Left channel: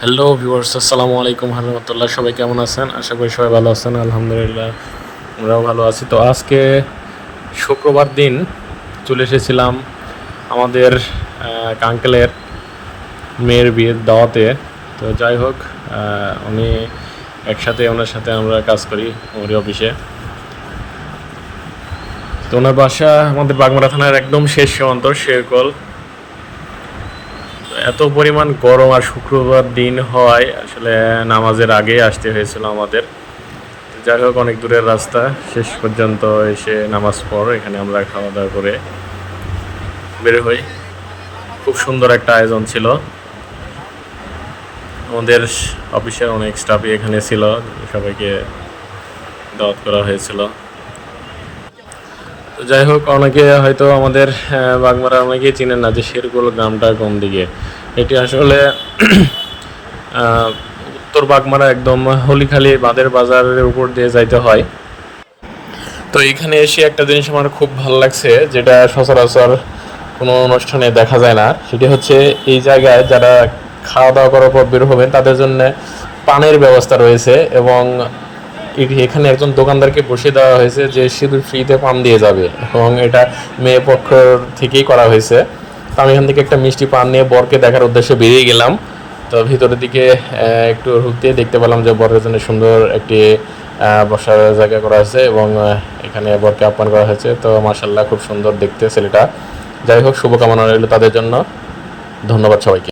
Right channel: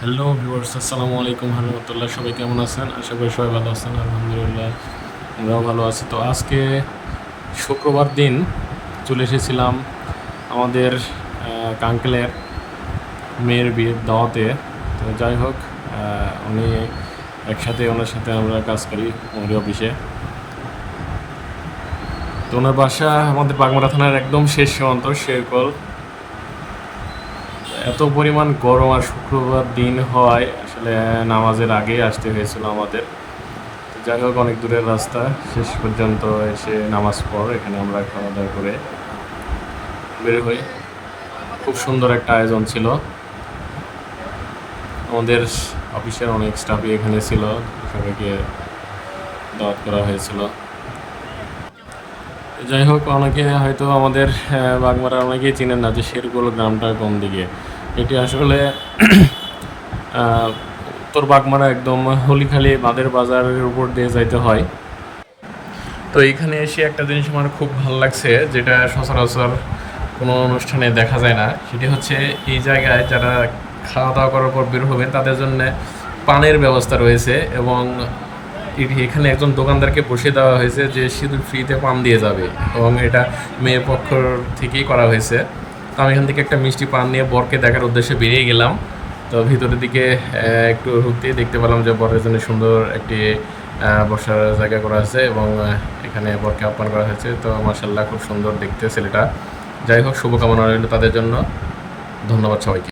Hello viewers, আসসালামু আলাইকুম রহমতুল্লাহ। সবাই কেমন আছেন? আশা করি সবাই ভালো আছেন। আলহামদুলিল্লাহ আমরাও ভালো আছি। তো আজকে শুক্রবার দিন চলে এসেছিলাম আমাদের আঙ্কেলের মেয়ের বিয়ের দাওয়াতে। তো যাই হোক, উনি একসাথে ওনার সাথে আমরা কাজ করি ওর অফিসে। তো ওনার বাসা আমাদের বাগমারা থানার একদম শেষ সীমান্ত শেরকল। এত পরিমাণ গরম আর শুক্রবার দিন হওয়ায় আসলে নামাজের আগেই আসতে হয়েছিল আমাদের। যাই হোক, অনেক দূরের রাস্তা, শেষ পর্যন্ত এসে নামাজ পর এখানে আমরা খাওয়া দাওয়া করে বের হই। খুব সুন্দর একটা আয়োজন ছিল। আমাদের অফিসের অনেক স্টাফই এখানে ছিল, সবাইকে দাওয়াত করা হয়েছিল। তো যাই হোক, অনেকে হয়তো আমাদের বাগমারা অনেকেই চিনেন না যে শেরকুল গ্রামটা কোন দিকে। এটি আসলে উত্তর বাগমারা একদম হলিখালি বাঁধের বাজারের উপর দিয়ে যাইতে হয়। তো এইখানে এসে একটা জিনিস আমার খুব ভালো লাগছে, যেটা সচরাচর কোনো অনুষ্ঠানে দেখা যায় না। সেটি হচ্ছে এই জায়গায় যারা খাওয়া দাওয়া করার পর বের হবেন তাদের জন্য পানের ব্যবস্থা রয়েছে, এবং এখানে একজন দোকানদারকে বসিয়ে দেওয়া হয়েছে যে শুধু ফ্রিতে পান দিয়ে যাবে, এবং এটা মেয়ে পক্ষ থেকেই করা হয়েছে। তো আমি এখান থেকে একটা মিষ্টি পান নিয়ে বরকে দেখার উদ্দেশ্যে বেরিয়ে গেলাম। তো ভিতরের দিকে একটু ঢুকতে দেখতে পেলাম যে বরের জন্য সুন্দর একটি বসার জায়গা করা আছে, এবং এখানে বরকে আপ্যায়ন করা হয়েছে। তো মাশাআল্লাহ খুব সুন্দর দেখতে ছেলেটা। যাই হোক, শুভকামনা রইল তাদের জন্য। ধন্যবাদ সবাইকে।